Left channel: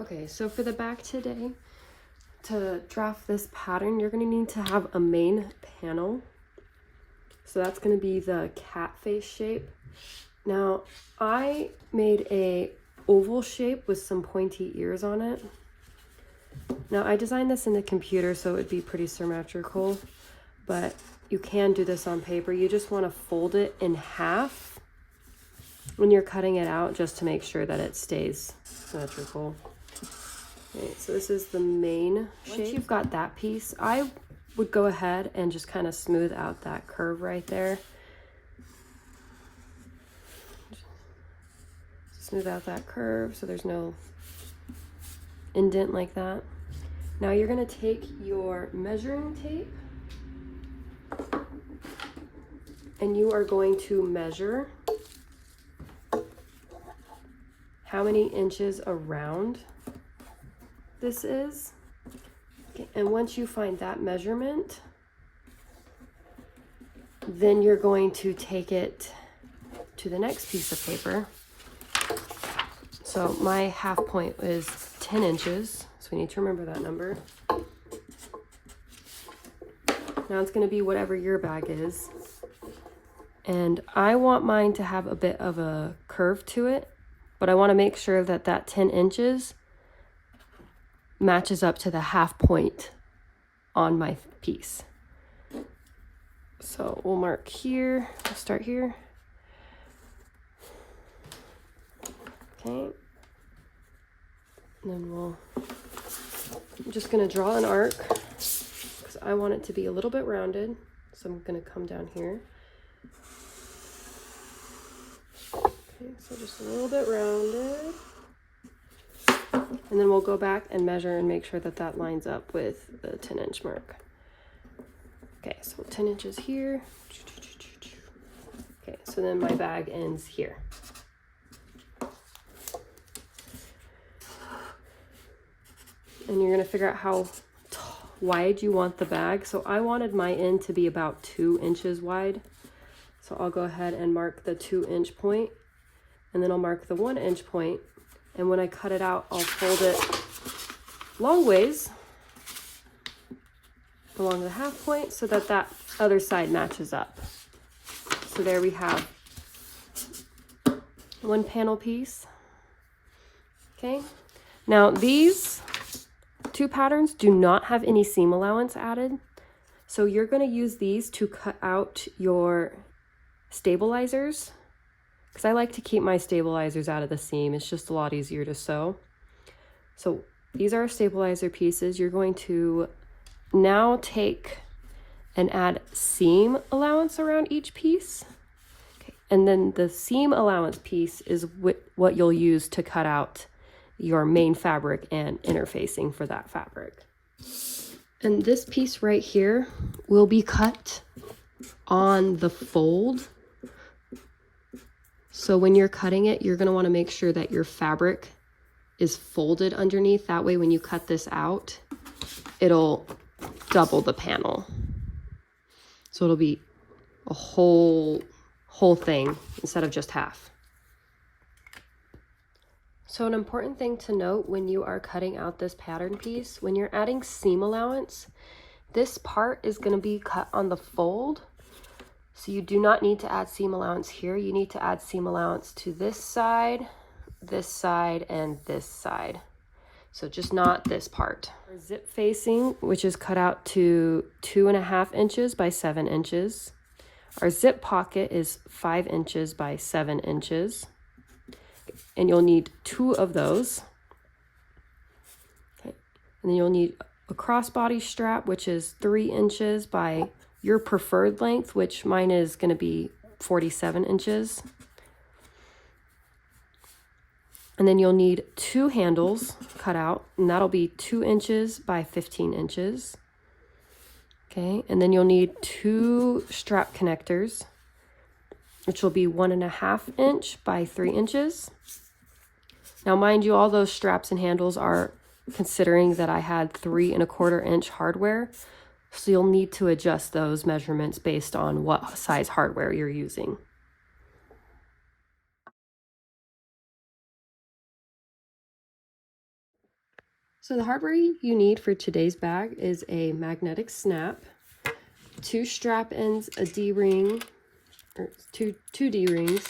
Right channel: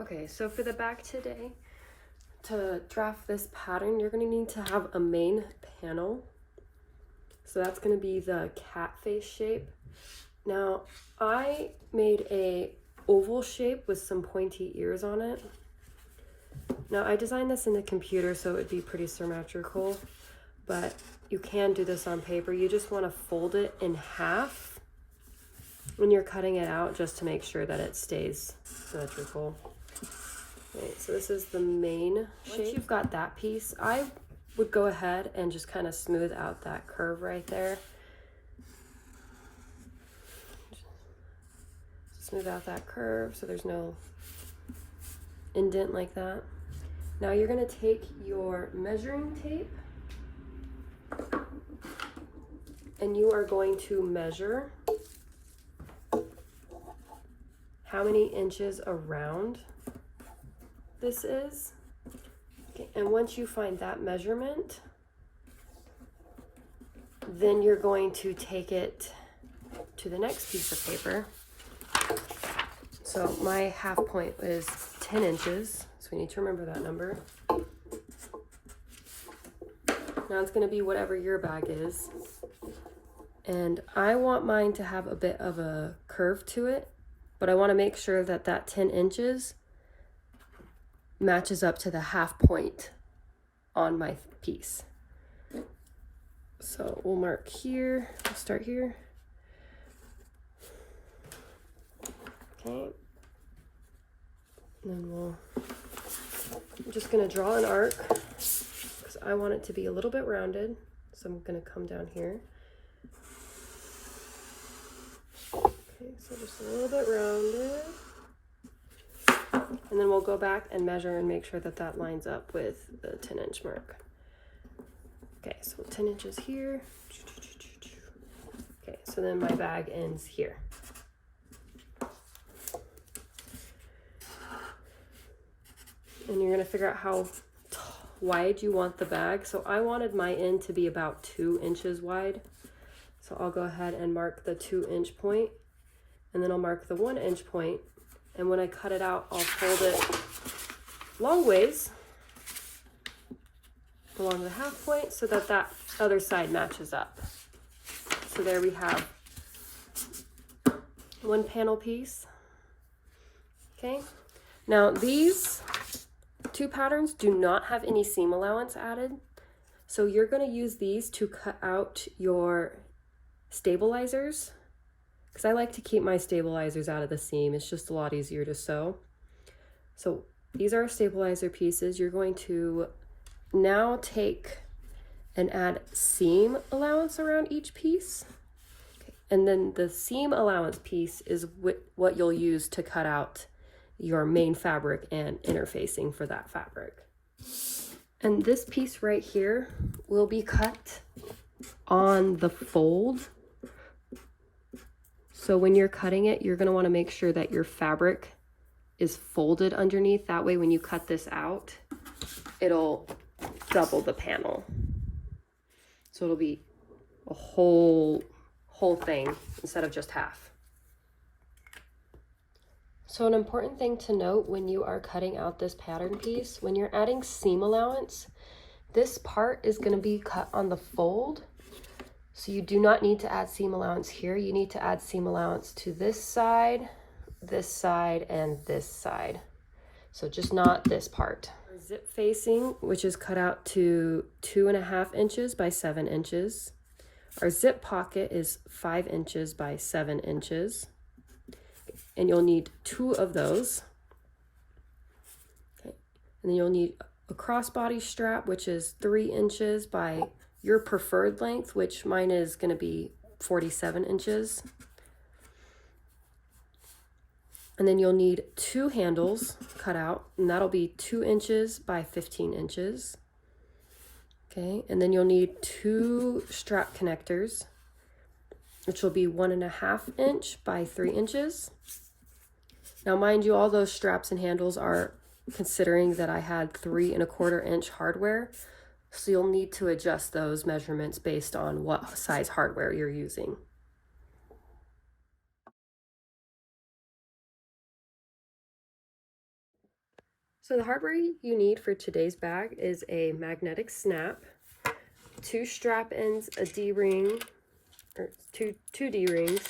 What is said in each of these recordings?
Okay, so for the back today, to draft this pattern, you're going to need to have a main panel. So that's going to be the cat face shape. Now, I made a oval shape with some pointy ears on it. Now, I designed this in the computer, so it would be pretty symmetrical, but you can do this on paper. You just want to fold it in half when you're cutting it out, just to make sure that it stays symmetrical. Okay, so this is the main shape. Once you've got that piece, I would go ahead and just kind of smooth out that curve right there. Smooth out that curve so there's no indent like that. Now you're going to take your measuring tape and you are going to measure how many inches around this is. Okay, and once you find that measurement, then you're going to take it to the next piece of paper. So my half point is 10 inches, so we need to remember that number. Now it's going to be whatever your bag is. And I want mine to have a bit of a curve to it, but I want to make sure that that 10 inches matches up to the half point on my piece. So we'll mark here, we'll start here. Okay. And then I'm just going to draw an arc because I want it to be a little bit rounded. So I'm going to come down here. Okay, so just a little bit rounded. And then we'll go back and measure and make sure that that lines up with the 10-inch mark. Okay, so 10 inches here. Okay, so then my bag ends here. And you're going to figure out how wide you want the bag. So I wanted my end to be about 2 inches wide. So I'll go ahead and mark the 2-inch point, and then I'll mark the 1-inch point. And when I cut it out, I'll fold it long ways along the half point so that that other side matches up. So there we have one panel piece. Okay. Now these two patterns do not have any seam allowance added. So you're going to use these to cut out your stabilizers, because I like to keep my stabilizers out of the seam. It's just a lot easier to sew. So these are stabilizer pieces. You're going to now take and add seam allowance around each piece. Okay. And then the seam allowance piece is what you'll use to cut out your main fabric and interfacing for that fabric. And this piece right here will be cut on the fold. So when you're cutting it, you're going to want to make sure that your fabric is folded underneath. That way when you cut this out, it'll double the panel. So it'll be a whole thing instead of just half. So an important thing to note when you are cutting out this pattern piece, when you're adding seam allowance, this part is going to be cut on the fold. So you do not need to add seam allowance here. You need to add seam allowance to this side, and this side. So just not this part. Our zip facing, which is cut out to 2.5 inches by 7 inches. Our zip pocket is 5 inches by 7 inches. And you'll need 2 of those. Okay. And then you'll need a crossbody strap, which is 3 inches by your preferred length, which mine is going to be 47 inches. And then you'll need 2 handles cut out, and that'll be 2 inches by 15 inches. Okay, and then you'll need 2 strap connectors, which will be 1.5 inch by 3 inches. Now, mind you, all those straps and handles are considering that I had 3.25 inch hardware. So you'll need to adjust those measurements based on what size hardware you're using. So the hardware you need for today's bag is a magnetic snap, 2 strap ends, a D-ring, or two D-rings,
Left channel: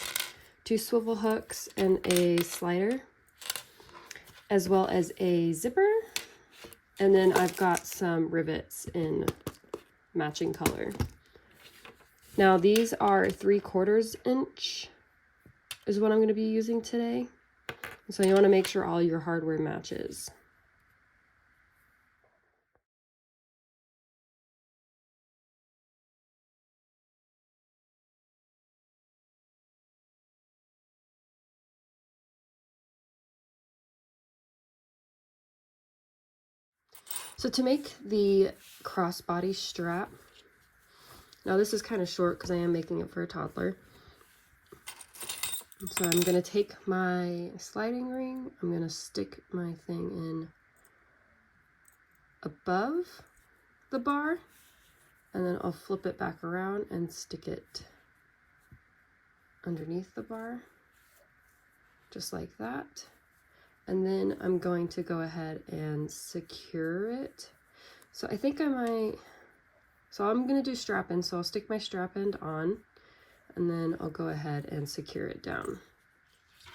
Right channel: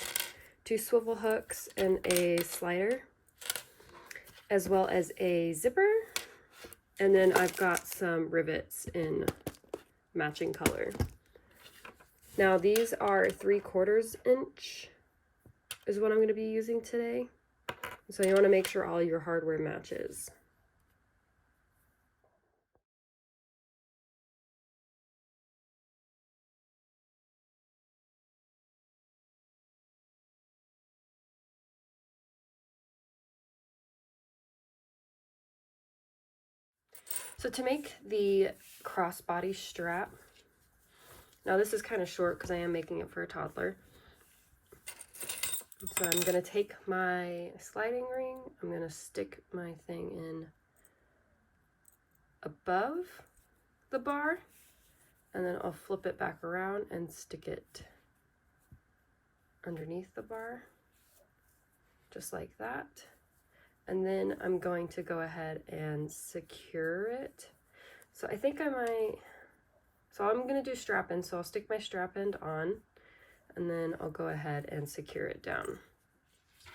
2 swivel hooks, and a slider, as well as a zipper. And then I've got some rivets in matching color. Now these are 3/4 inch is what I'm going to be using today. So you want to make sure all your hardware matches. So to make the crossbody strap, now this is kind of short because I am making it for a toddler. So I'm going to take my sliding ring, I'm going to stick my thing in above the bar, and then I'll flip it back around and stick it underneath the bar, just like that. And then I'm going to go ahead and secure it. So I think I might, so I'm going to do strap end, so I'll stick my strap end on, and then I'll go ahead and secure it down.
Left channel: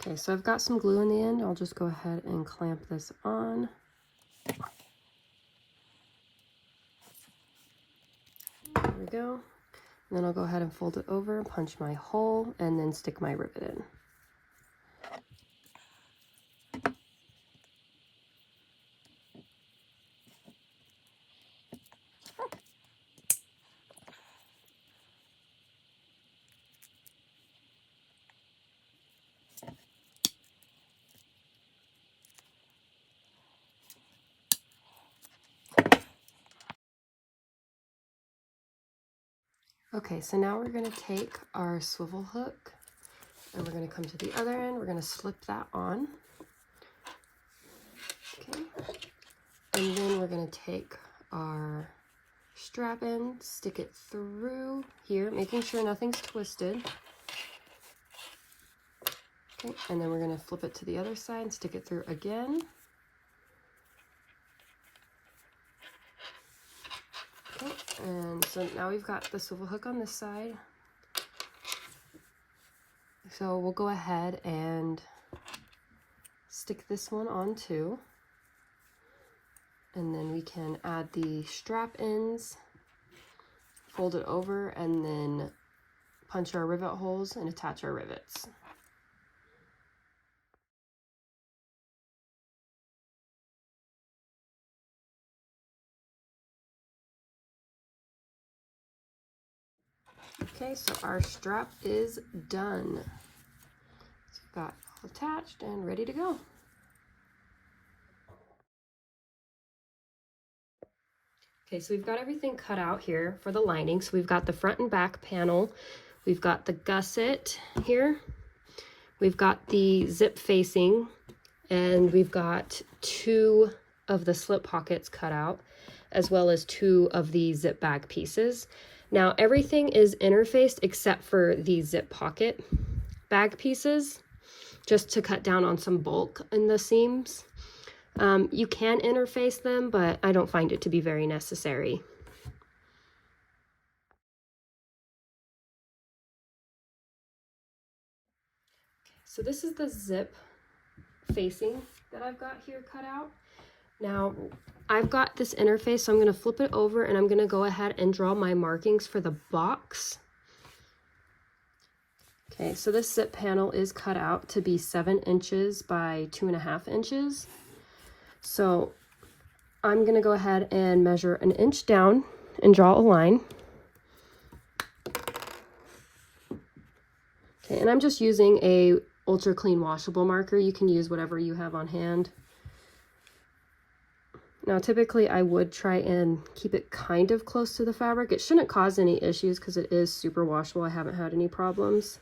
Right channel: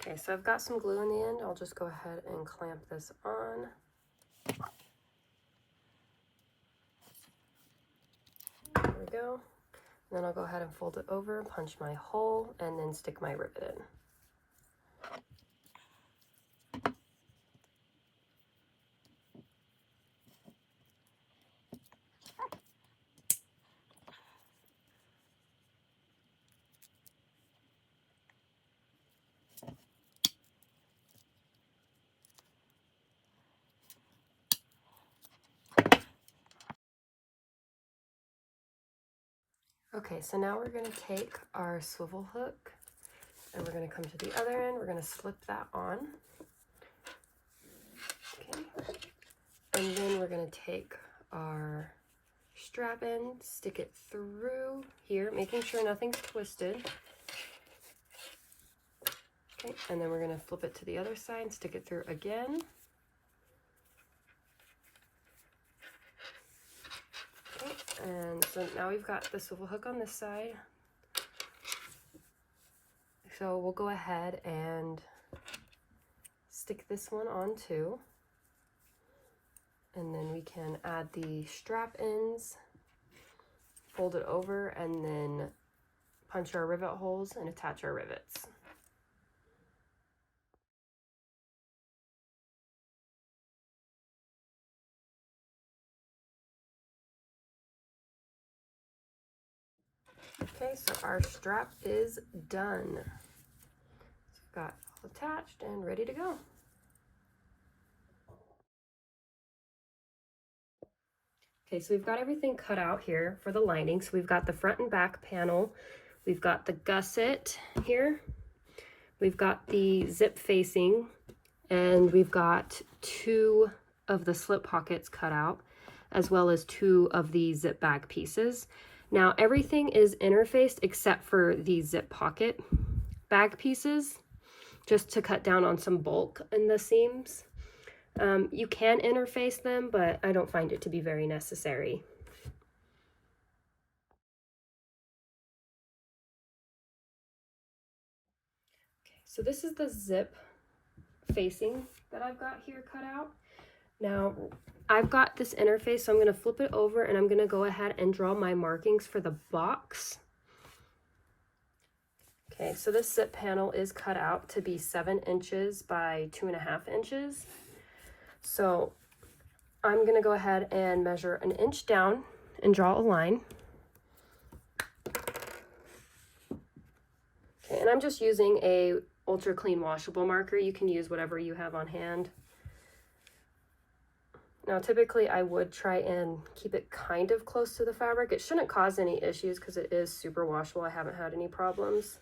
Okay, so I've got some glue in the end. I'll just go ahead and clamp this on. There we go. And then I'll go ahead and fold it over, punch my hole, and then stick my rivet in. Okay, so now we're going to take our swivel hook and we're going to come to the other end. We're going to slip that on. Okay, and then we're going to take our strap end, stick it through here, making sure nothing's twisted. Okay, and then we're going to flip it to the other side and stick it through again. Okay, and so now we've got the swivel hook on this side. So we'll go ahead and stick this one on too. And then we can add the strap ends, fold it over, and then punch our rivet holes and attach our rivets. Okay, so our strap is done. So we've got all attached and ready to go. Okay, so we've got everything cut out here for the lining. So we've got the front and back panel. We've got the gusset here. We've got the zip facing, and we've got 2 of the slip pockets cut out, as well as 2 of the zip bag pieces. Now everything is interfaced except for the zip pocket bag pieces, just to cut down on some bulk in the seams. You can interface them, but I don't find it to be very necessary. Okay, so this is the zip facing that I've got here cut out. Now I've got this interface, so I'm going to flip it over and I'm going to go ahead and draw my markings for the box. Okay, so this zip panel is cut out to be 7 inches by 2.5 inches. So I'm going to go ahead and measure 1 inch down and draw a line. Okay, and I'm just using a ultra clean washable marker. You can use whatever you have on hand. Now typically I would try and keep it kind of close to the fabric. It shouldn't cause any issues because it is super washable. I haven't had any problems.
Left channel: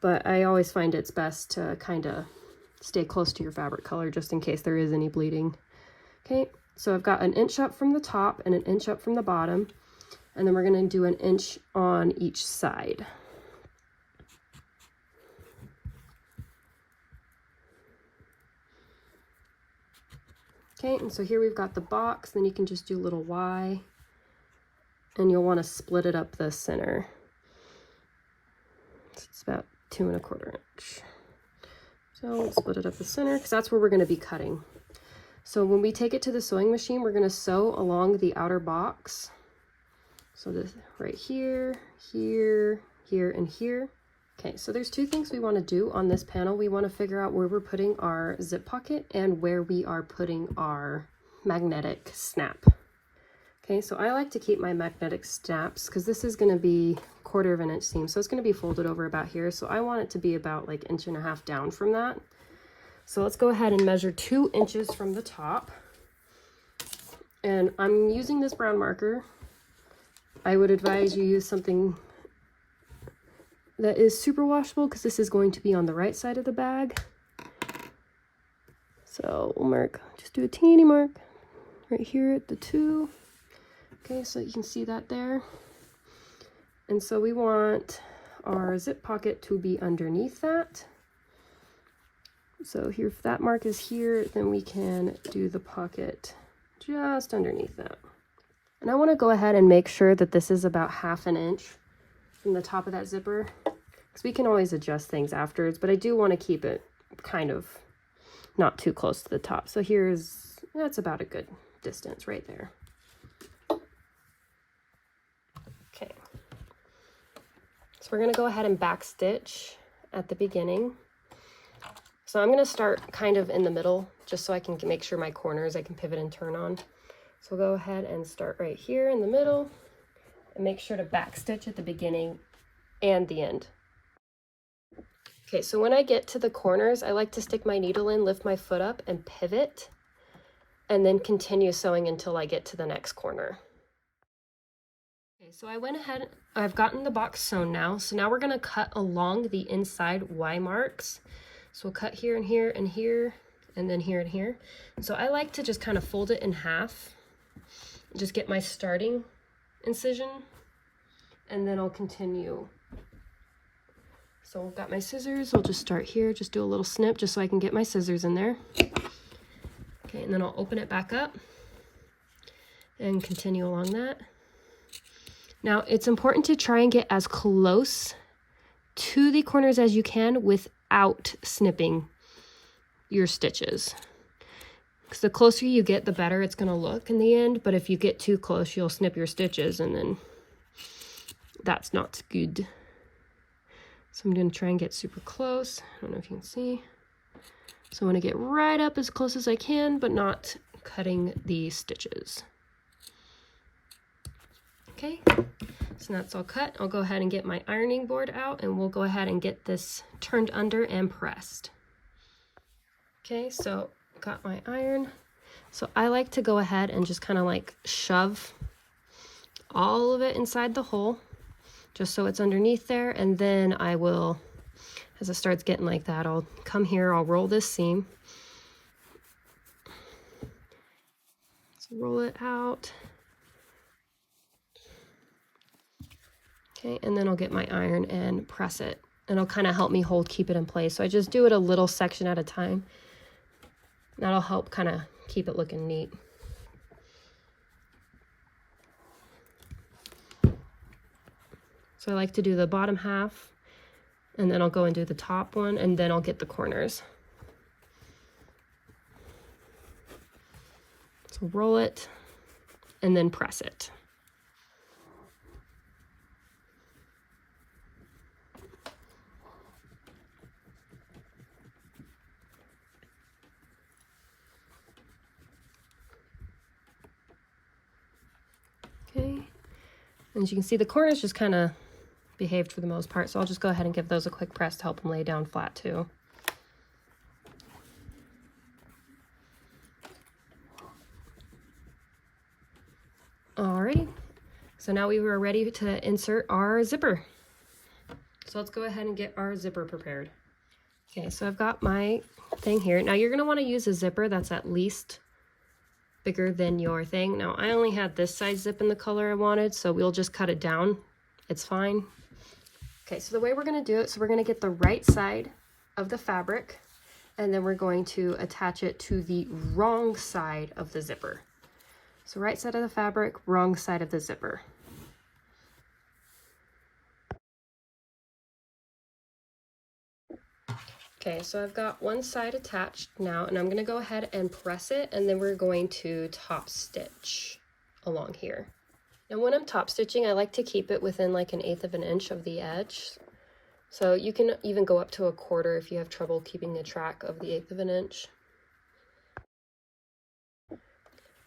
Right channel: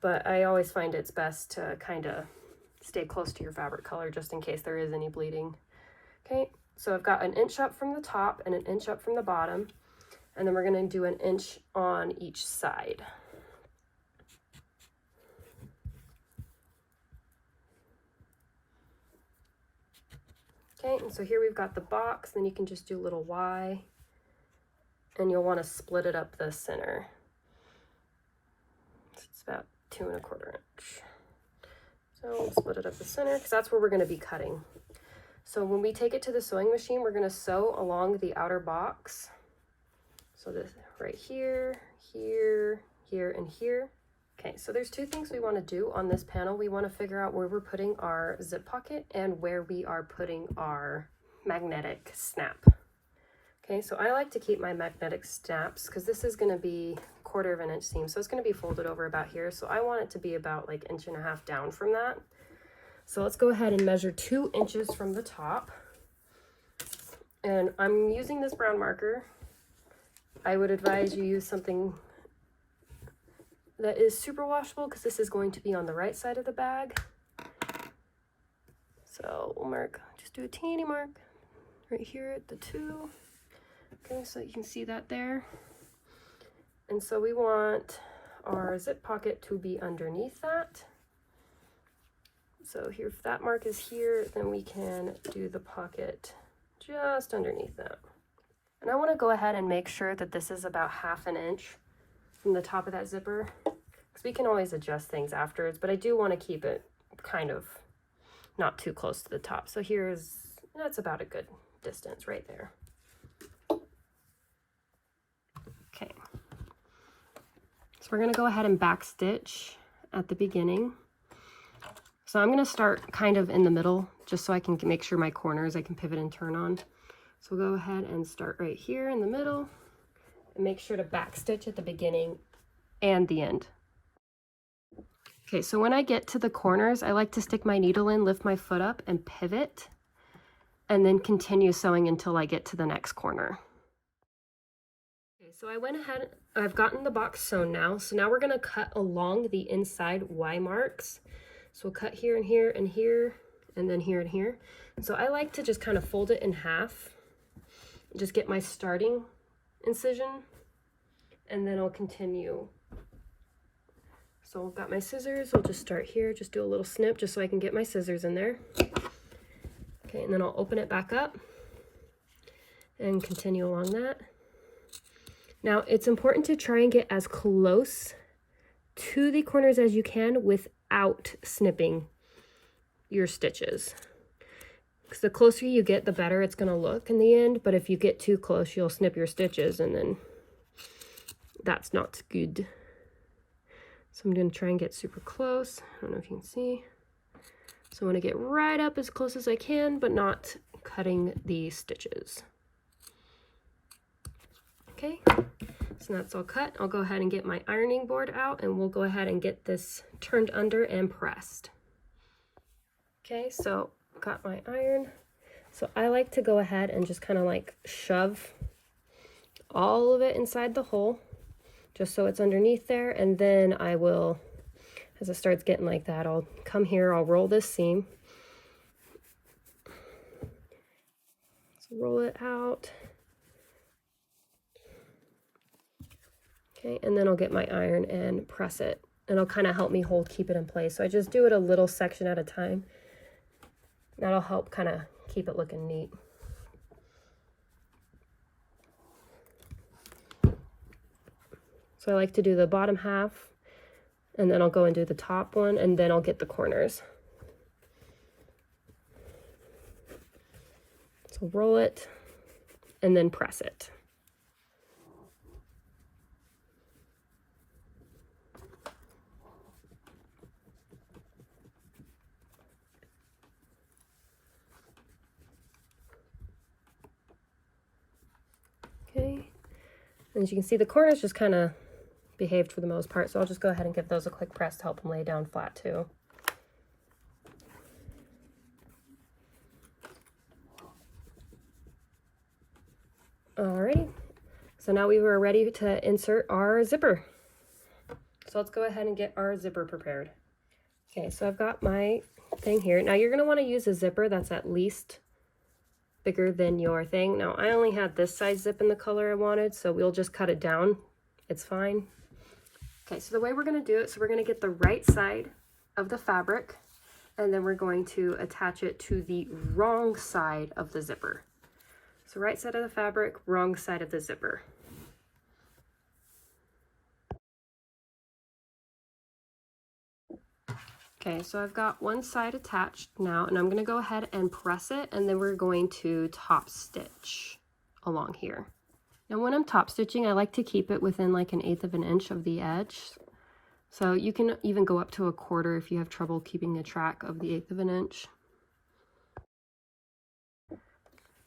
But I always find it's best to kind of stay close to your fabric color just in case there is any bleeding. Okay, so I've got 1 inch up from the top and 1 inch up from the bottom. And then we're going to do 1 inch on each side. Okay, and so here we've got the box, then you can just do a little Y, and you'll want to split it up the center. So it's about 2 1/4 inch. So we'll split it up the center because that's where we're going to be cutting. So when we take it to the sewing machine, we're going to sew along the outer box. So this right here, here, here, and here. Okay, so there's 2 things we want to do on this panel. We want to figure out where we're putting our zip pocket and where we are putting our magnetic snap. Okay, so I like to keep my magnetic snaps because this is going to be 1/4 inch seam, so it's going to be folded over about here. So I want it to be about like 1.5 inches down from that. So let's go ahead and measure 2 inches from the top. And I'm using this brown marker. I would advise you use something that is super washable because this is going to be on the right side of the bag. So we'll mark, just do a teeny mark right here at the 2. Okay, so you can see that there. And so we want our zip pocket to be underneath that. So here, if that mark is here, then we can do the pocket just underneath that. And I want to go ahead and make sure that this is about 1/2 inch from the top of that zipper, because we can always adjust things afterwards, but I do want to keep it kind of not too close to the top. So that's about a good distance right there. Okay, so we're going to go ahead and back stitch at the beginning. So I'm going to start kind of in the middle just so I can make sure my corners I can pivot and turn on. So we'll go ahead and start right here in the middle and make sure to back stitch at the beginning and the end. Okay, so when I get to the corners, I like to stick my needle in, lift my foot up and pivot, and then continue sewing until I get to the next corner. Okay, so I went ahead, I've gotten the box sewn now. So now we're going to cut along the inside Y marks. So we'll cut here and here and here, and then here and here. So I like to just kind of fold it in half, just get my starting incision, and then I'll continue. So I've got my scissors, we'll just start here, just do a little snip just so I can get my scissors in there. Okay, and then I'll open it back up and continue along that. Now it's important to try and get as close to the corners as you can without snipping your stitches. Because the closer you get, the better it's going to look in the end. But if you get too close, you'll snip your stitches, and then that's not good. So I'm going to try and get super close. I don't know if you can see. So I want to get right up as close as I can, but not cutting the stitches. Okay, so that's all cut. I'll go ahead and get my ironing board out, and we'll go ahead and get this turned under and pressed. Okay, so got my iron. So I like to go ahead and just kind of like shove all of it inside the hole, just so it's underneath there. And then I will, as it starts getting like that, I'll come here, I'll roll this seam. So roll it out. Okay, and then I'll get my iron and press it. And it'll kind of help me keep it in place. So I just do it a little section at a time. That'll help kind of keep it looking neat. So I like to do the bottom half, and then I'll go and do the top one, and then I'll get the corners. So roll it, and then press it. Okay, and as you can see, the corners just kind of behaved for the most part, so I'll just go ahead and give those a quick press to help them lay down flat too. Alrighty, so now we were ready to insert our zipper. So let's go ahead and get our zipper prepared. Okay, so I've got my thing here. Now you're going to want to use a zipper that's at least bigger than your thing. Now I only had this size zip in the color I wanted, so we'll just cut it down. It's fine. Okay, so the way we're going to do it, so we're going to get the right side of the fabric, and then we're going to attach it to the wrong side of the zipper. So right side of the fabric, wrong side of the zipper. Okay, so I've got one side attached now, and I'm going to go ahead and press it, and then we're going to top stitch along here. Now when I'm top stitching, I like to keep it within like 1/8 of an inch of the edge. So you can even go up to 1/4 if you have trouble keeping a track of the 1/8 of an inch.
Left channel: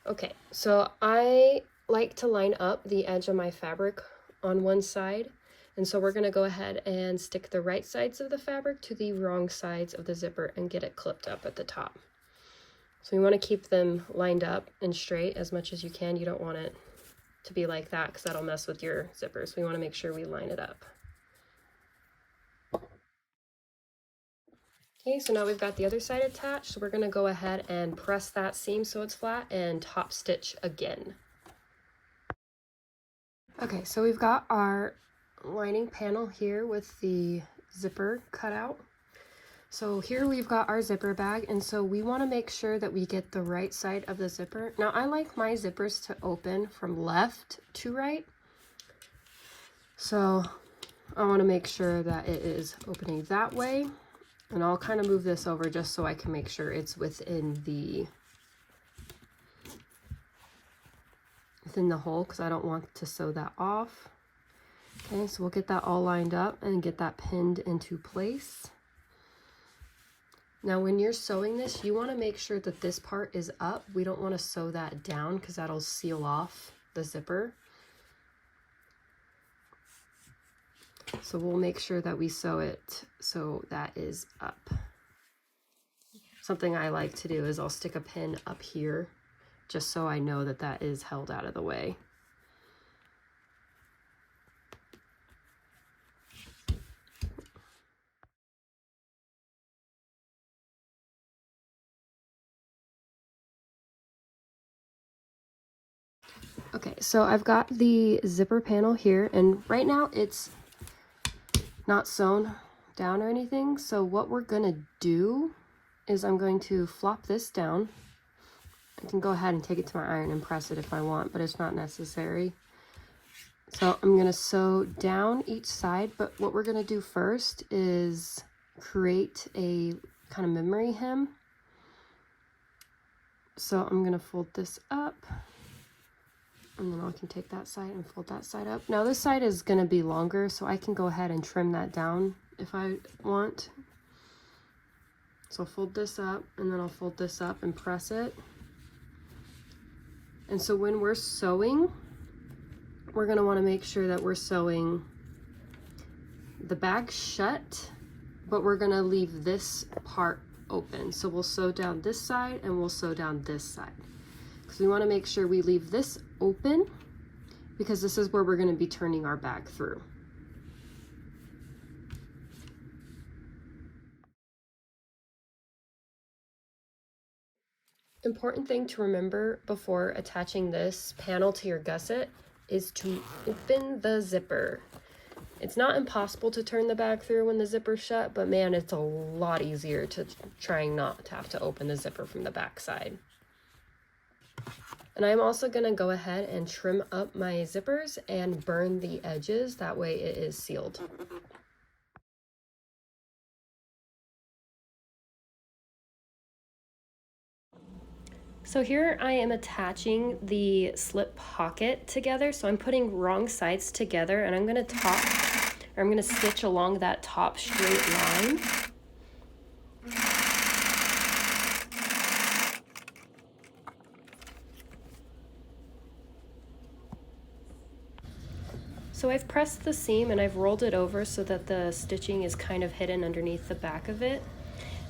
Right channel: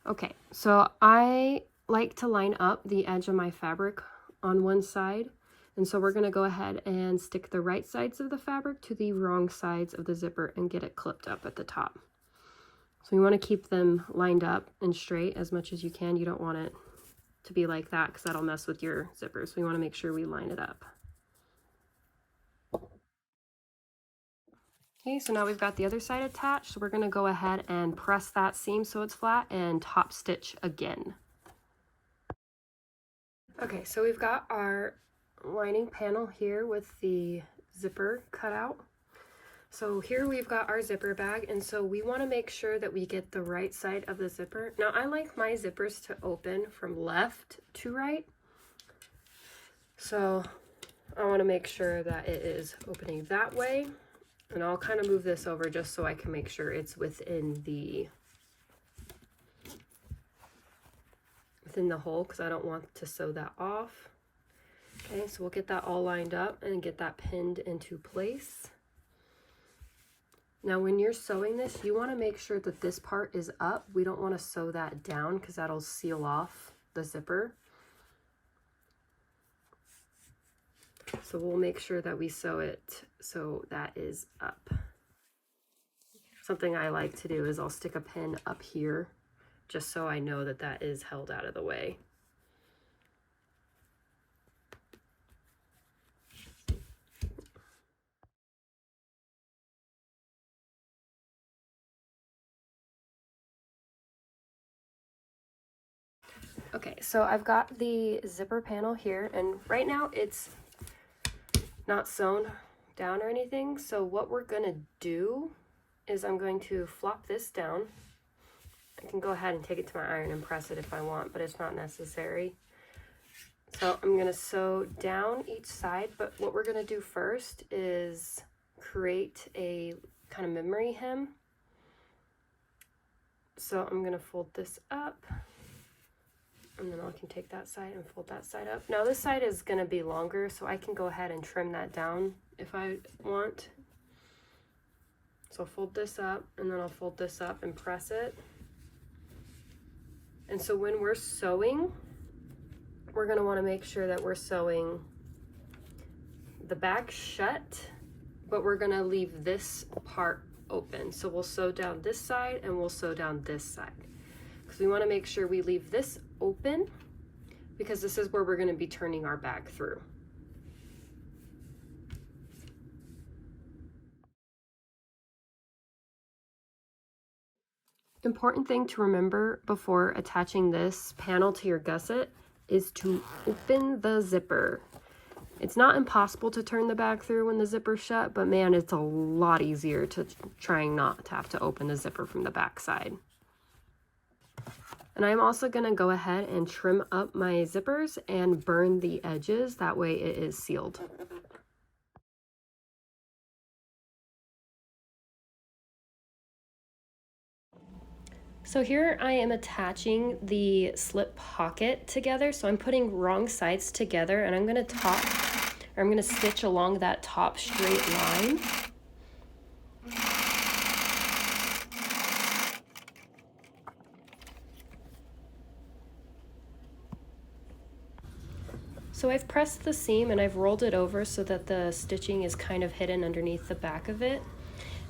Okay, so I like to line up the edge of my fabric on one side. And so we're going to go ahead and stick the right sides of the fabric to the wrong sides of the zipper and get it clipped up at the top. So you want to keep them lined up and straight as much as you can. You don't want it to be like that because that'll mess with your zippers. So we want to make sure we line it up. Okay, so now we've got the other side attached. So we're going to go ahead and press that seam so it's flat and top stitch again. Okay, so we've got our lining panel here with the zipper cut out. So here we've got our zipper bag, and so we want to make sure that we get the right side of the zipper. Now I like my zippers to open from left to right, so I want to make sure that it is opening that way, and I'll kind of move this over just so I can make sure it's within the hole because I don't want to sew that off. Okay, so we'll get that all lined up and get that pinned into place. Now when you're sewing this, you want to make sure that this part is up. We don't want to sew that down because that'll seal off the zipper. So we'll make sure that we sew it so that is up. Something I like to do is I'll stick a pin up here just so I know that that is held out of the way. Okay, so I've got the zipper panel here, and right now it's not sewn down or anything. So what we're gonna do is I'm going to flop this down. I can go ahead and take it to my iron and press it if I want, but it's not necessary. So I'm gonna sew down each side, but what we're gonna do first is create a kind of memory hem. So I'm gonna fold this up, and then I can take that side and fold that side up. Now this side is going to be longer, so I can go ahead and trim that down if I want. So I'll fold this up, and then I'll fold this up and press it. And so when we're sewing, we're going to want to make sure that we're sewing the bag shut, but we're going to leave this part open. So we'll sew down this side and we'll sew down this side. Because we want to make sure we leave this open because this is where we're going to be turning our bag through. Important thing to remember before attaching this panel to your gusset is to open the zipper. It's not impossible to turn the bag through when the zipper's shut, but man, it's a lot easier to trying not to have to open the zipper from the back side. And I'm also going to go ahead and trim up my zippers and burn the edges. That way it is sealed. So here I am attaching the slip pocket together. So I'm putting wrong sides together, and I'm going to stitch along that top straight line. So I've pressed the seam and I've rolled it over so that the stitching is kind of hidden underneath the back of it.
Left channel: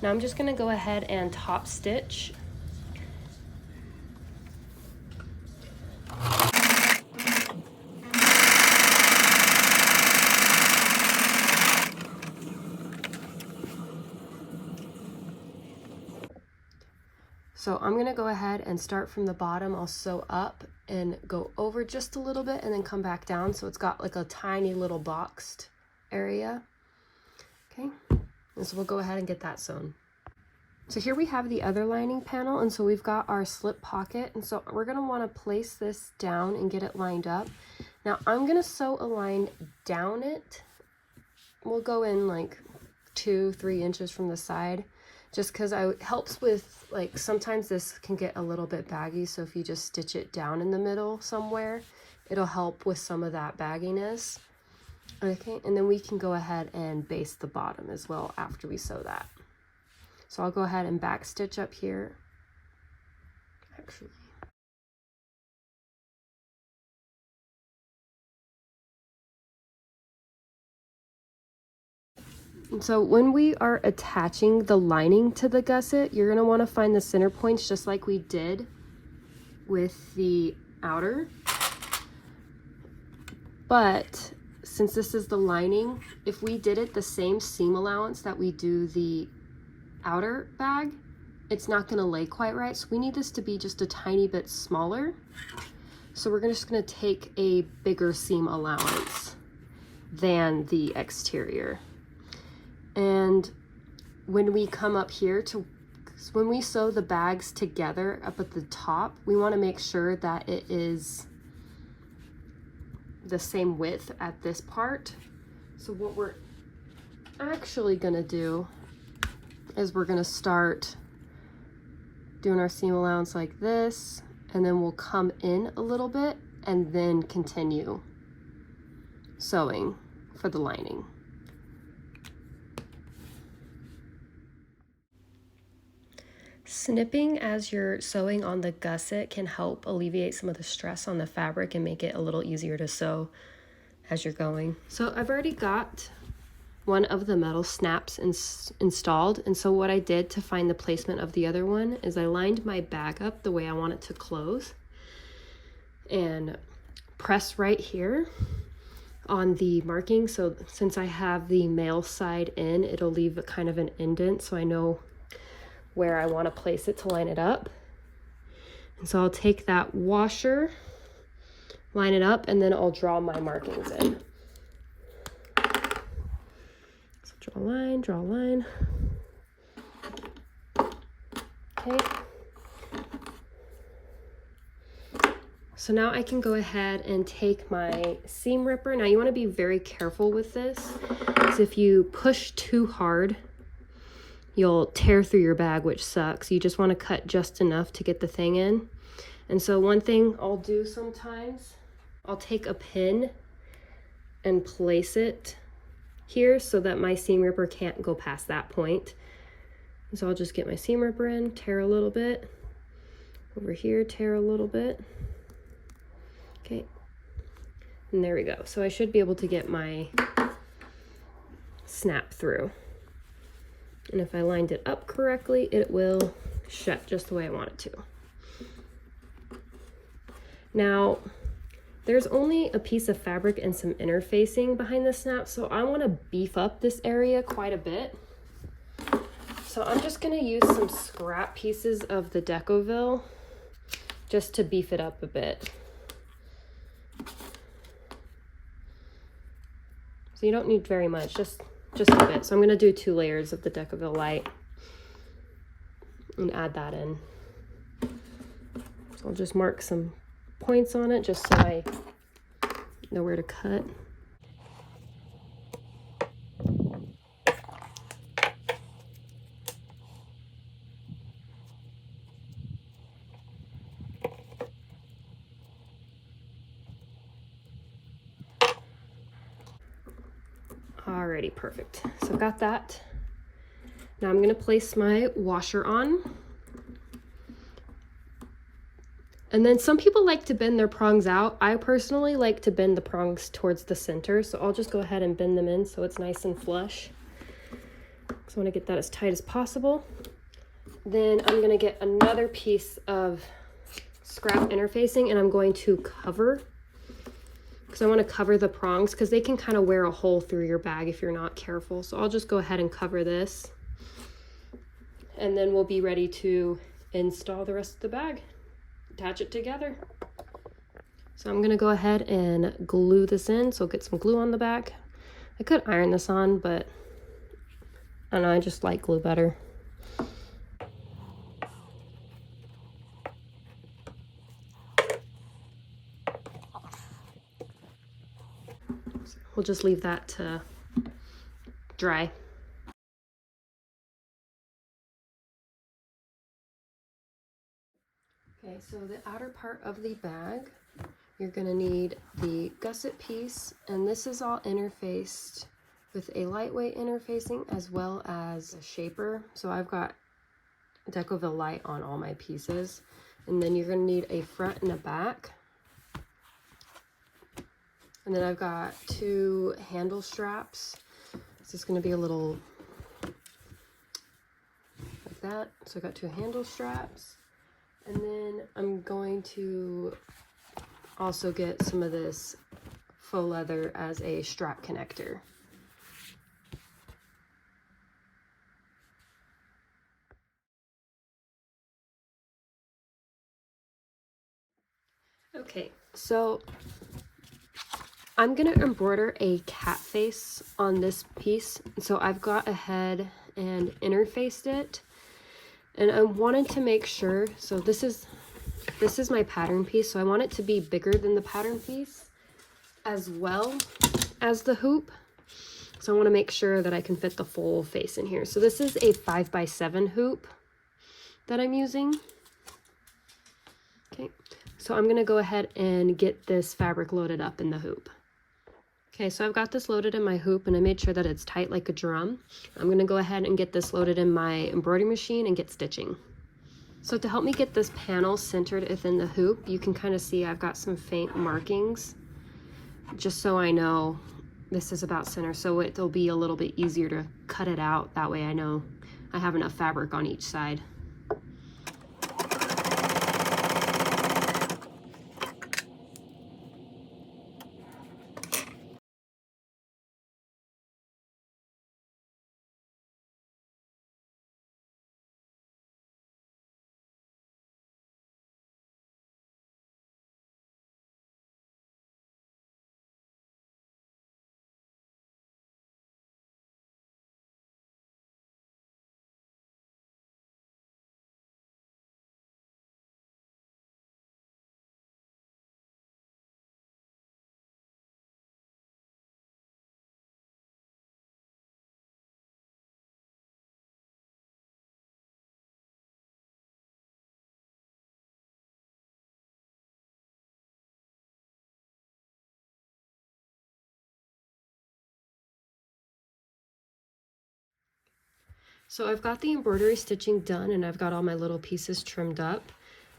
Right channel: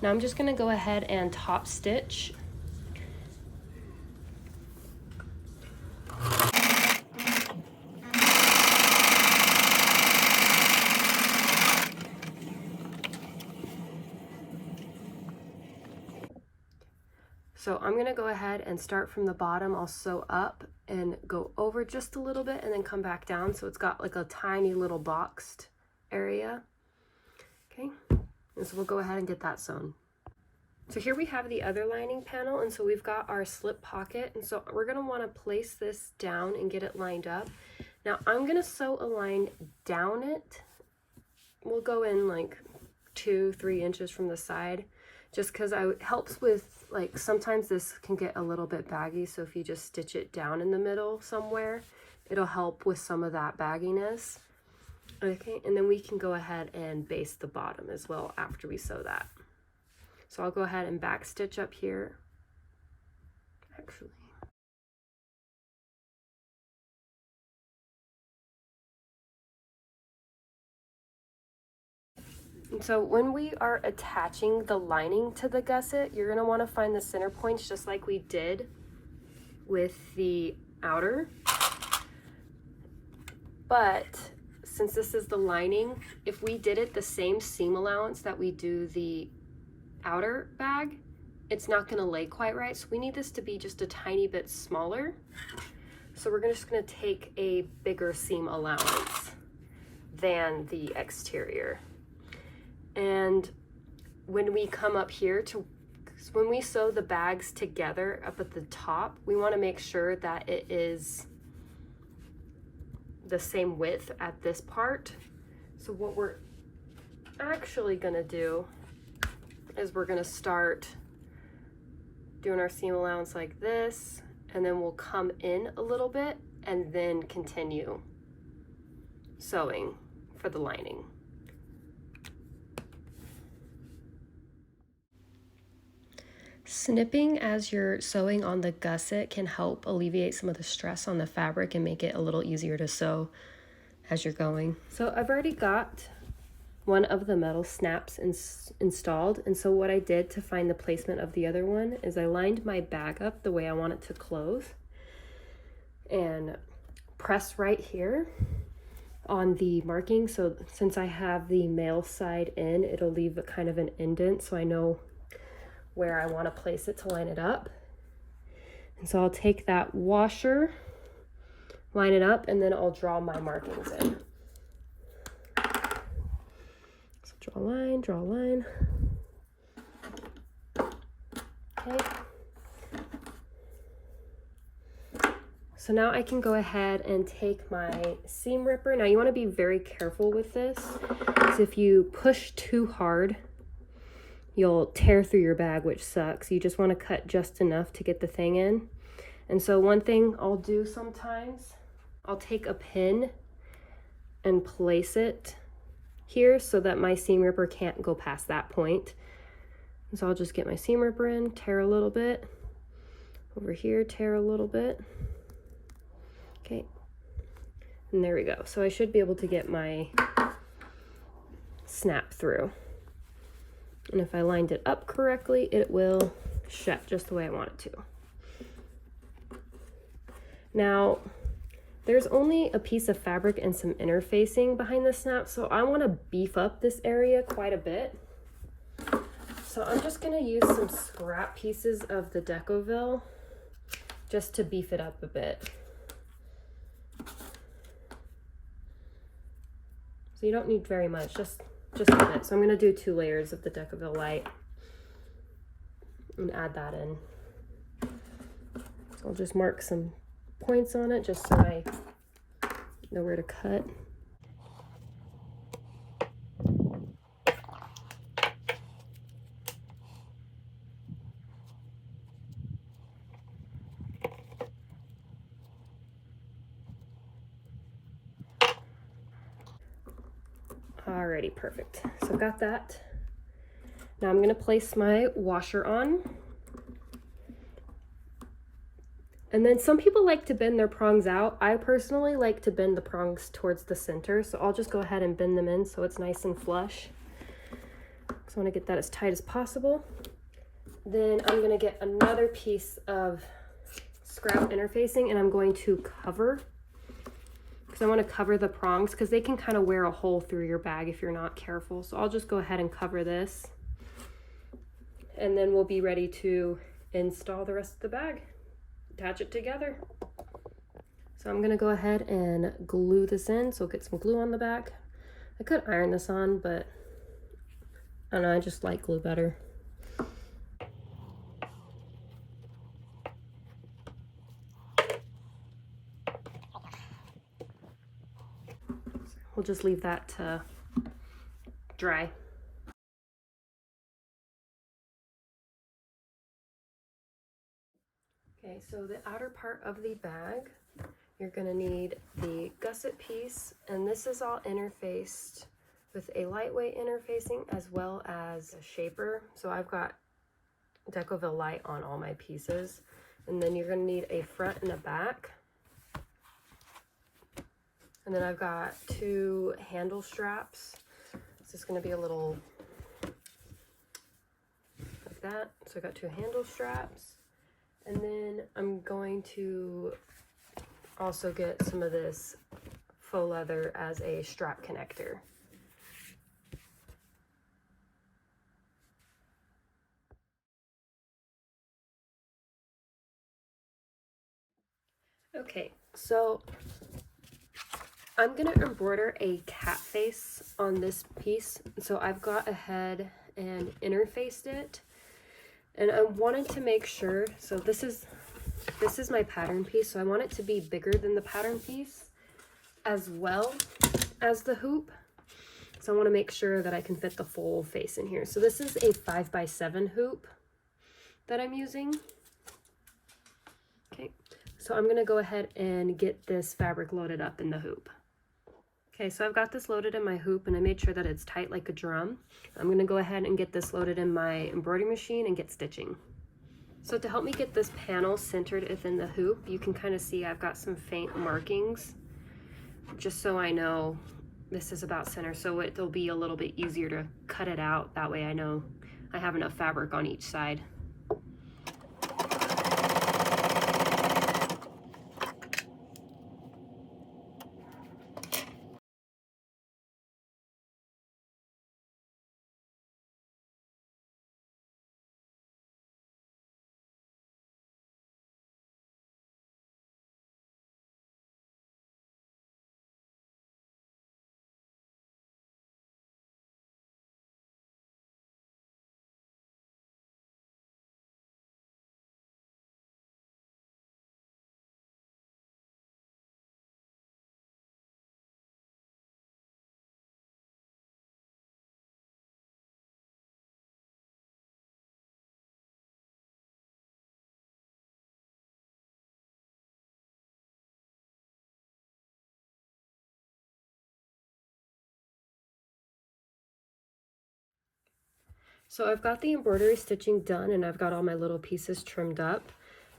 Now I'm just going to go ahead and top stitch. So I'm going to go ahead and start from the bottom. I'll sew up and go over just a little bit and then come back down so it's got like a tiny little boxed area. Okay, and so we'll go ahead and get that sewn. So here we have the other lining panel, and so we've got our slip pocket, and so we're going to want to place this down and get it lined up. Now I'm going to sew a line down it. We'll go in like 2-3 inches from the side, just because it helps with, like, sometimes this can get a little bit baggy, so if you just stitch it down in the middle somewhere, it'll help with some of that bagginess. Okay, and then we can go ahead and baste the bottom as well after we sew that. So I'll go ahead and back stitch up here, actually. And so when we are attaching the lining to the gusset, you're going to want to find the center points just like we did with the outer. But since this is the lining, if we did it the same seam allowance that we do the outer bag, it's not going to lay quite right. So we need this to be just a tiny bit smaller. So we're just going to take a bigger seam allowance than the exterior. And when we come up here when we sew the bags together up at the top, we want to make sure that it is the same width at this part. So what we're actually going to do is we're going to start doing our seam allowance like this, and then we'll come in a little bit and then continue sewing for the lining. Snipping as you're sewing on the gusset can help alleviate some of the stress on the fabric and make it a little easier to sew as you're going. So I've already got one of the metal snaps installed, and so what I did to find the placement of the other one is I lined my bag up the way I want it to close and press right here on the marking. So since I have the male side in, it'll leave a kind of an indent so I know where I want to place it to line it up. And so I'll take that washer, line it up, and then I'll draw my markings in. So draw a line, draw a line. Okay. So now I can go ahead and take my seam ripper. Now you want to be very careful with this, because if you push too hard, you'll tear through your bag, which sucks. You just want to cut just enough to get the thing in. And so one thing I'll do sometimes, I'll take a pin and place it here so that my seam ripper can't go past that point. And so I'll just get my seam ripper in, tear a little bit. Over here, tear a little bit. Okay. And there we go. So I should be able to get my snap through. And if I lined it up correctly, it will shut just the way I want it to. Now, there's only a piece of fabric and some interfacing behind the snap, so I want to beef up this area quite a bit. So I'm just going to use some scrap pieces of the decovil just to beef it up a bit. So you don't need very much, just a bit. So I'm going to do 2 layers of the decovil light and add that in. So I'll just mark some points on it just so I know where to cut. Alrighty, perfect. So I've got that. Now I'm going to place my washer on. And then some people like to bend their prongs out. I personally like to bend the prongs towards the center, so I'll just go ahead and bend them in so it's nice and flush. So I want to get that as tight as possible. Then I'm going to get another piece of scrap interfacing and I'm going to cover, because I want to cover the prongs because they can kind of wear a hole through your bag if you're not careful. So I'll just go ahead and cover this, and then we'll be ready to install the rest of the bag, attach it together. So I'm going to go ahead and glue this in, so get some glue on the back. I could iron this on, but I don't know, I just like glue better. we'll just leave that to dry. Okay, so the outer part of the bag, you're going to need the gusset piece, and this is all interfaced with a lightweight interfacing as well as a shaper. So I've got decovil light on all my pieces. And then you're going to need a front and a back. And then I've got 2 handle straps. This is going to be a little like that. So I got 2 handle straps. And then I'm going to also get some of this faux leather as a strap connector. Okay, so I'm gonna embroider a cat face on this piece. So I've got ahead and interfaced it, and I wanted to make sure, so this is my pattern piece, so I want it to be bigger than the pattern piece as well as the hoop. So I want to make sure that I can fit the full face in here. So this is a 5x7 hoop that I'm using. Okay, so I'm going to go ahead and get this fabric loaded up in the hoop. Okay, so I've got this loaded in my hoop, and I made sure that it's tight like a drum. I'm going to go ahead and get this loaded in my embroidery machine and get stitching. So to help me get this panel centered within the hoop, you can kind of see I've got some faint markings, just so I know this is about center, so it'll be a little bit easier to cut it out. That way I know I have enough fabric on each side. So I've got the embroidery stitching done, and I've got all my little pieces trimmed up.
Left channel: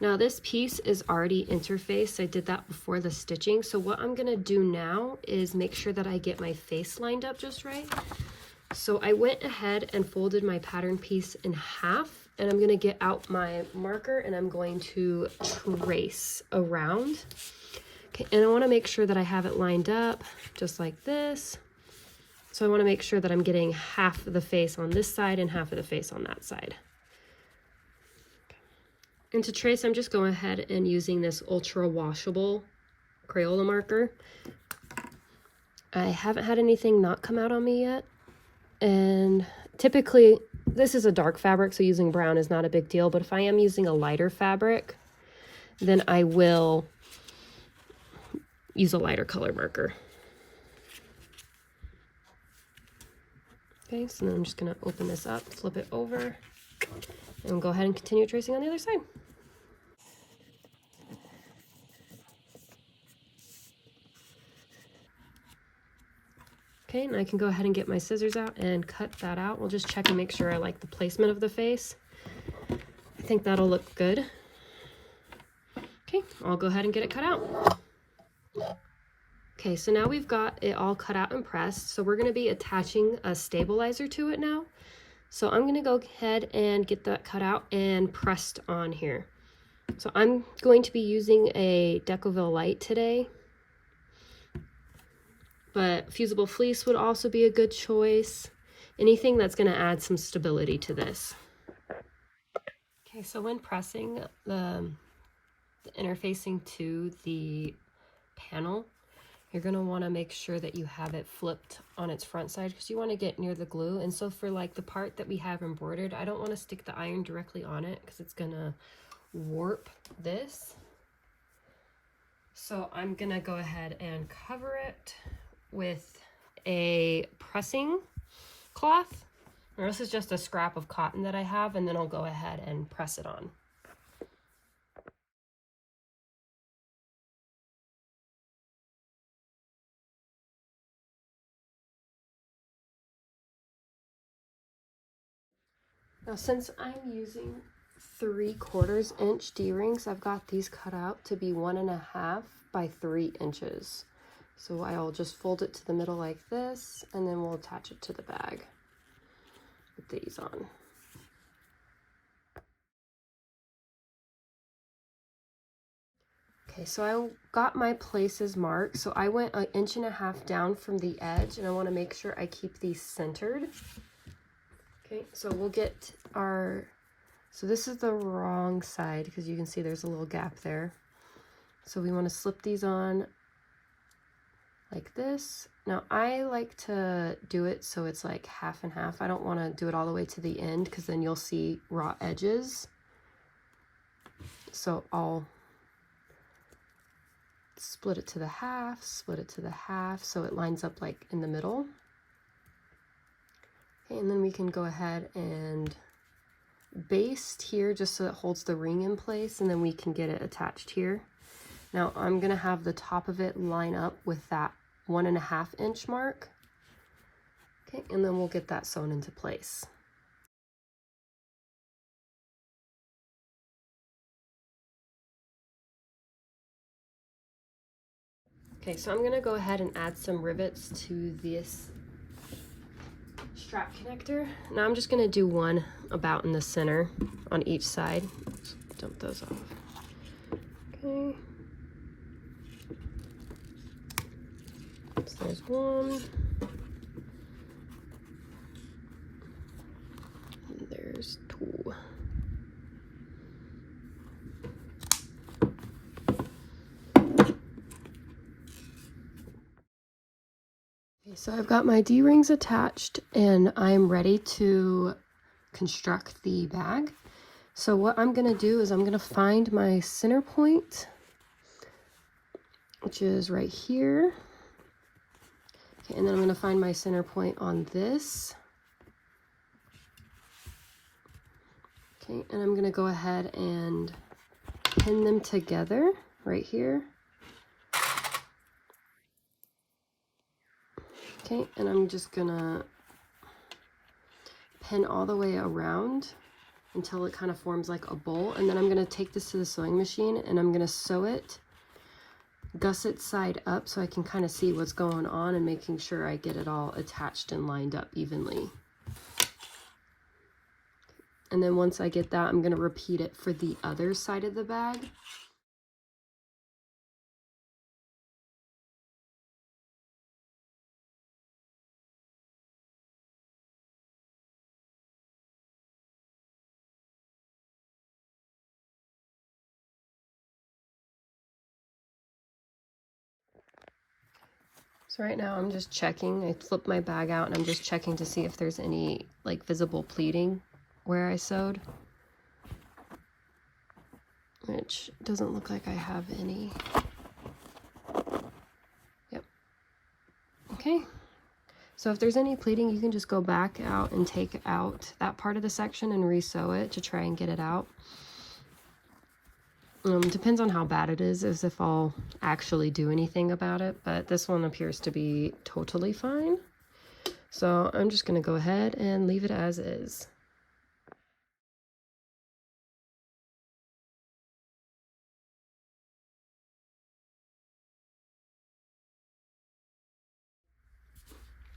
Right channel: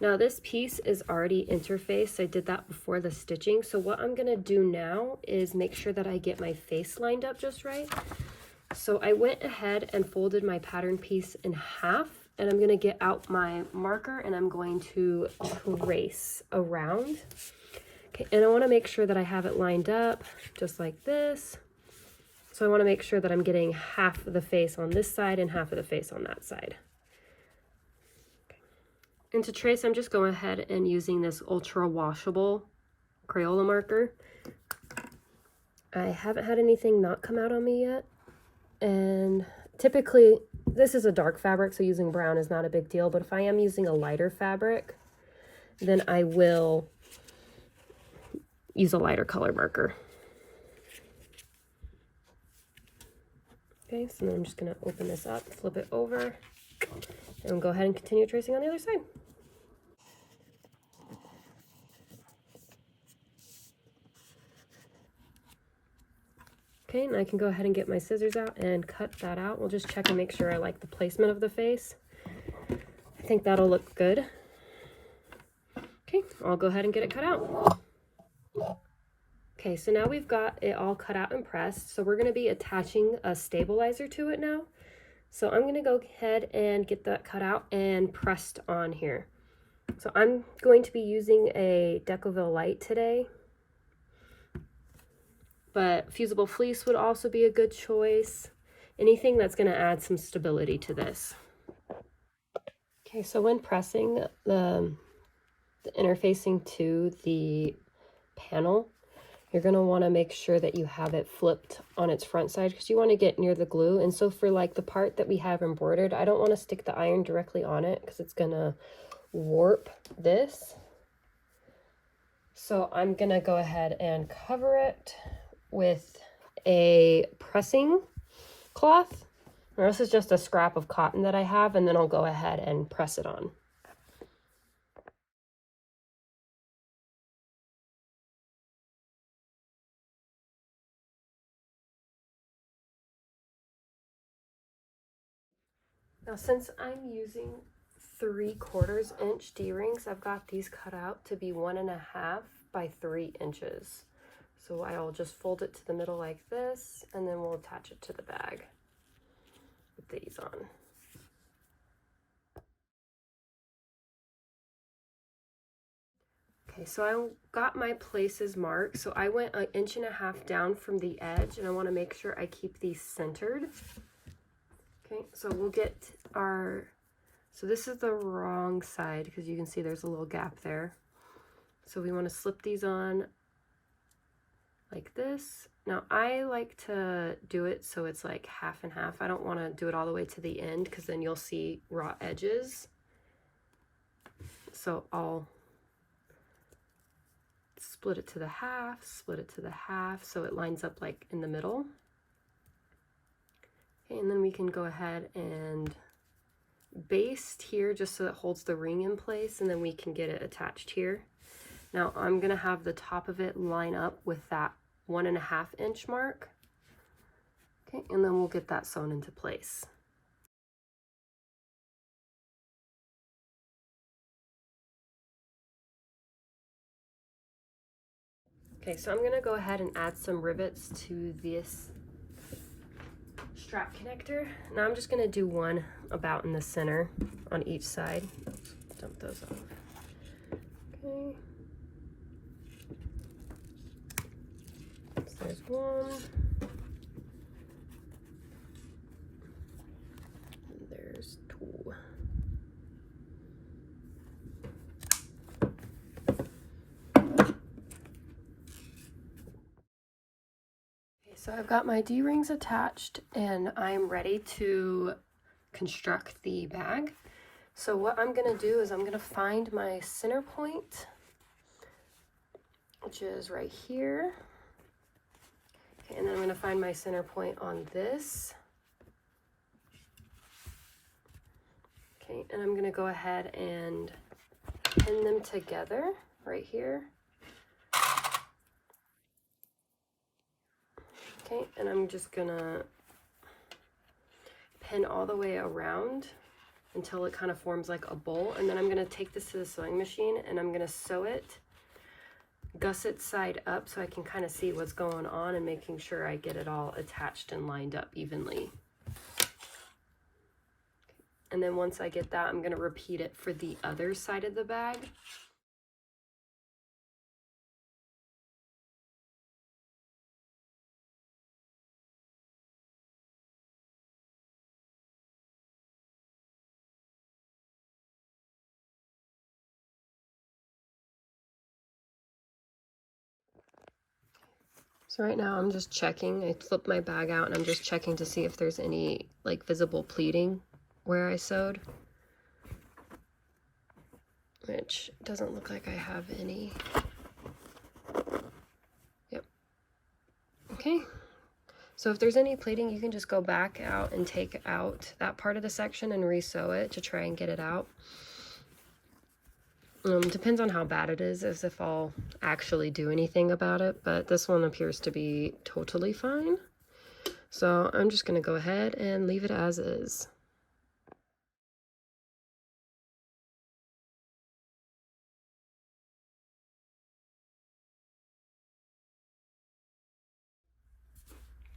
Now this piece is already interfaced. I did that before the stitching. So what I'm gonna do now is make sure that I get my face lined up just right. So I went ahead and folded my pattern piece in half, and I'm gonna get out my marker and I'm going to trace around. Okay, and I wanna make sure that I have it lined up just like this. So I want to make sure that I'm getting half of the face on this side and half of the face on that side. Okay. And to trace, I'm just going ahead and using this ultra washable Crayola marker. I haven't had anything not come out on me yet. And typically, this is a dark fabric, so using brown is not a big deal. But if I am using a lighter fabric, then I will use a lighter color marker. Okay, so then I'm just going to open this up, flip it over, and go ahead and continue tracing on the other side. Okay, and I can go ahead and get my scissors out and cut that out. We'll just check and make sure I like the placement of the face. I think that'll look good. Okay, I'll go ahead and get it cut out. Okay, so now we've got it all cut out and pressed. So we're going to be attaching a stabilizer to it now. So I'm going to go ahead and get that cut out and pressed on here. So I'm going to be using a decovil light today, but fusible fleece would also be a good choice. Anything that's going to add some stability to this. Okay, so when pressing the interfacing to the panel, you're going to want to make sure that you have it flipped on its front side because you want to get near the glue. And so for like the part that we have embroidered, I don't want to stick the iron directly on it because it's going to warp this. So I'm going to go ahead and cover it with a pressing cloth, or this is just a scrap of cotton that I have, and then I'll go ahead and press it on. Now, since I'm using 3/4 inch D-rings, I've got these cut out to be 1.5 by 3 inches. So I'll just fold it to the middle like this, and then we'll attach it to the bag with these on. Okay, so I got my places marked. So I went 1.5 inches down from the edge, and I want to make sure I keep these centered. Okay, so we'll get our, so this is the wrong side because you can see there's a little gap there. So we want to slip these on like this. Now I like to do it so it's like half and half. I don't want to do it all the way to the end because then you'll see raw edges. So I'll split it to the half, split it to the half, so it lines up like in the middle. Okay, and then we can go ahead and baste here just so it holds the ring in place, and then we can get it attached here. Now I'm gonna have the top of it line up with that 1.5 inch mark. Okay, and then we'll get that sewn into place. Okay, so I'm gonna go ahead and add some rivets to this strap connector. Now I'm just gonna do one about in the center on each side. Let's dump those off. Okay. So there's one. And there's two. So I've got my D-rings attached and I'm ready to construct the bag. So what I'm going to do is I'm going to find my center point, which is right here. Okay, and then I'm going to find my center point on this. Okay, and I'm going to go ahead and pin them together right here. Okay, and I'm just gonna pin all the way around until it kind of forms like a bowl, and then I'm gonna take this to the sewing machine and I'm gonna sew it gusset side up so I can kind of see what's going on and making sure I get it all attached and lined up evenly. And then once I get that, I'm gonna repeat it for the other side of the bag. So right now I'm just checking. I flipped my bag out and I'm just checking to see if there's any like visible pleating where I sewed, which doesn't look like I have any. Yep. Okay. So if there's any pleating, you can just go back out and take out that part of the section and re-sew it to try and get it out. Depends on how bad it is, as if I'll actually do anything about it, but this one appears to be totally fine. So I'm just going to go ahead and leave it as is.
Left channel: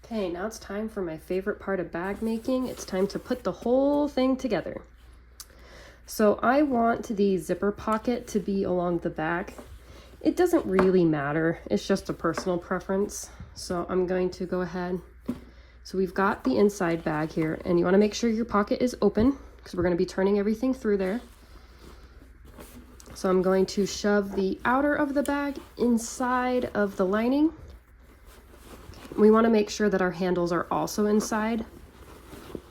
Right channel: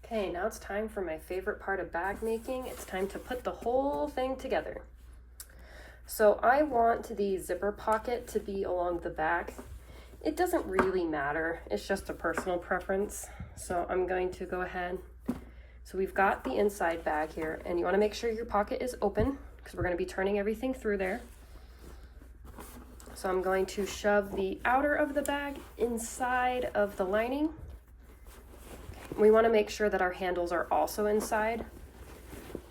Okay, now it's time for my favorite part of bag making. It's time to put the whole thing together. So I want the zipper pocket to be along the back. It doesn't really matter, it's just a personal preference. So I'm going to go ahead. So we've got the inside bag here, and you want to make sure your pocket is open because we're going to be turning everything through there. So I'm going to shove the outer of the bag inside of the lining. We want to make sure that our handles are also inside.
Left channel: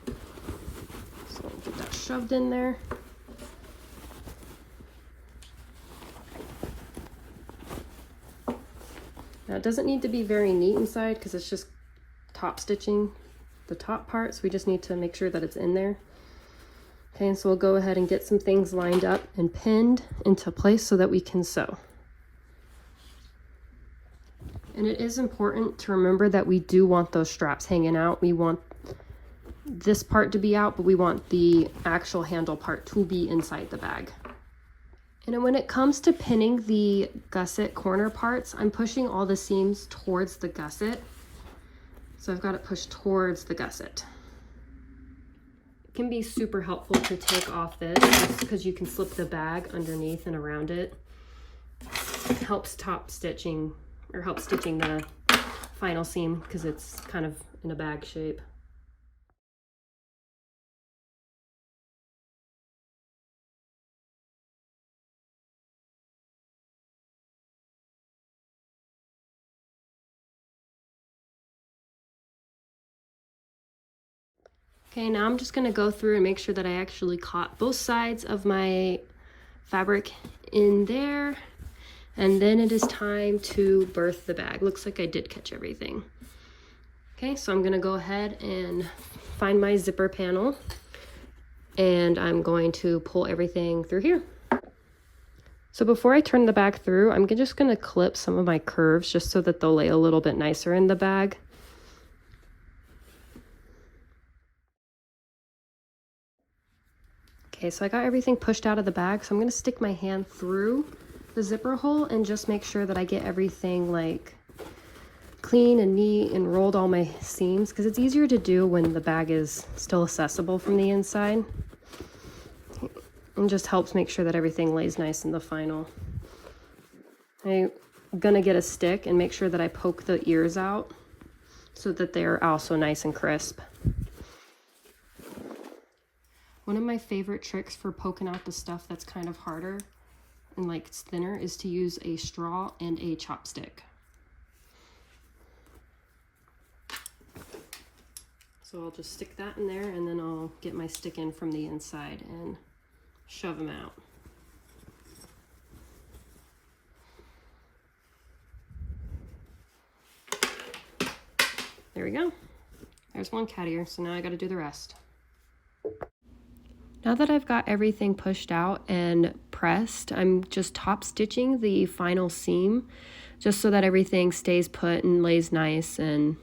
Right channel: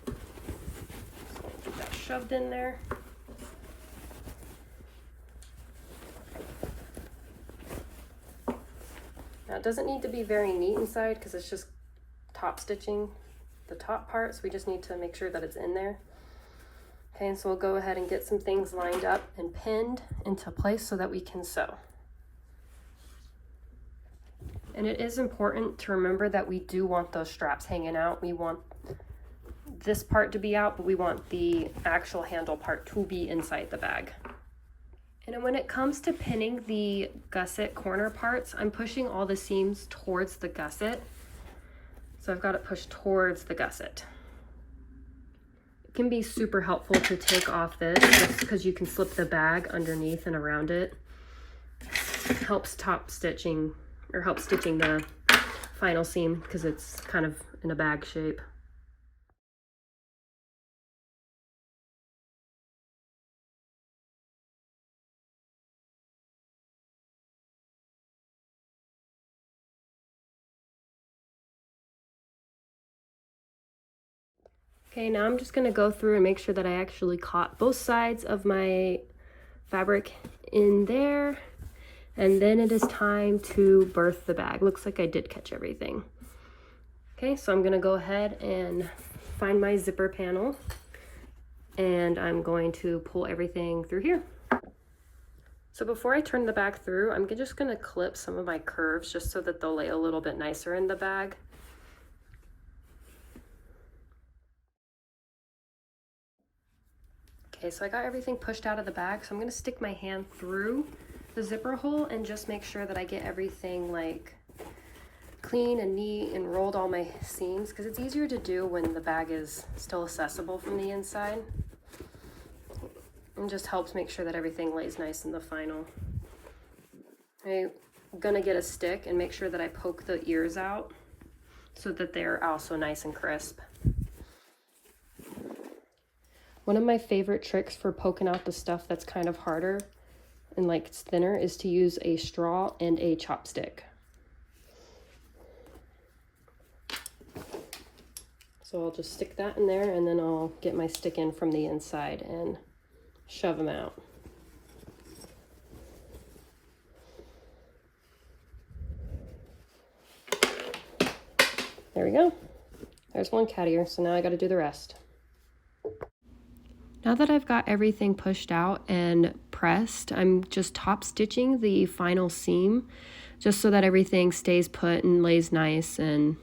So get that shoved in there. Now it doesn't need to be very neat inside because it's just top stitching the top part, so we just need to make sure that it's in there. Okay, and so we'll go ahead and get some things lined up and pinned into place so that we can sew. And it is important to remember that we do want those straps hanging out. We want this part to be out, but we want the actual handle part to be inside the bag. And then when it comes to pinning the gusset corner parts, I'm pushing all the seams towards the gusset. So I've got it pushed towards the gusset. It can be super helpful to take off this just because you can slip the bag underneath and around it. It helps top stitching, or helps stitching the final seam because it's kind of in a bag shape. Okay, now I'm just gonna go through and make sure that I actually caught both sides of my fabric in there. And then it is time to birth the bag. Looks like I did catch everything. Okay, so I'm gonna go ahead and find my zipper panel, and I'm going to pull everything through here. So before I turn the bag through, I'm just gonna clip some of my curves just so that they'll lay a little bit nicer in the bag. Okay, so I got everything pushed out of the bag, so I'm gonna stick my hand through the zipper hole and just make sure that I get everything like clean and neat and rolled all my seams, because it's easier to do when the bag is still accessible from the inside. And just helps make sure that everything lays nice in the final. I'm gonna get a stick and make sure that I poke the ears out so that they're also nice and crisp. One of my favorite tricks for poking out the stuff that's kind of harder and like it's thinner is to use a straw and a chopstick. So I'll just stick that in there, and then I'll get my stick in from the inside and shove them out. There we go. There's one cat ear, so now I got to do the rest. Now that I've got everything pushed out and pressed, I'm just top stitching the final seam just so that everything stays put and lays nice and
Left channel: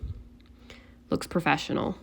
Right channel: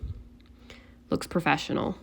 looks professional.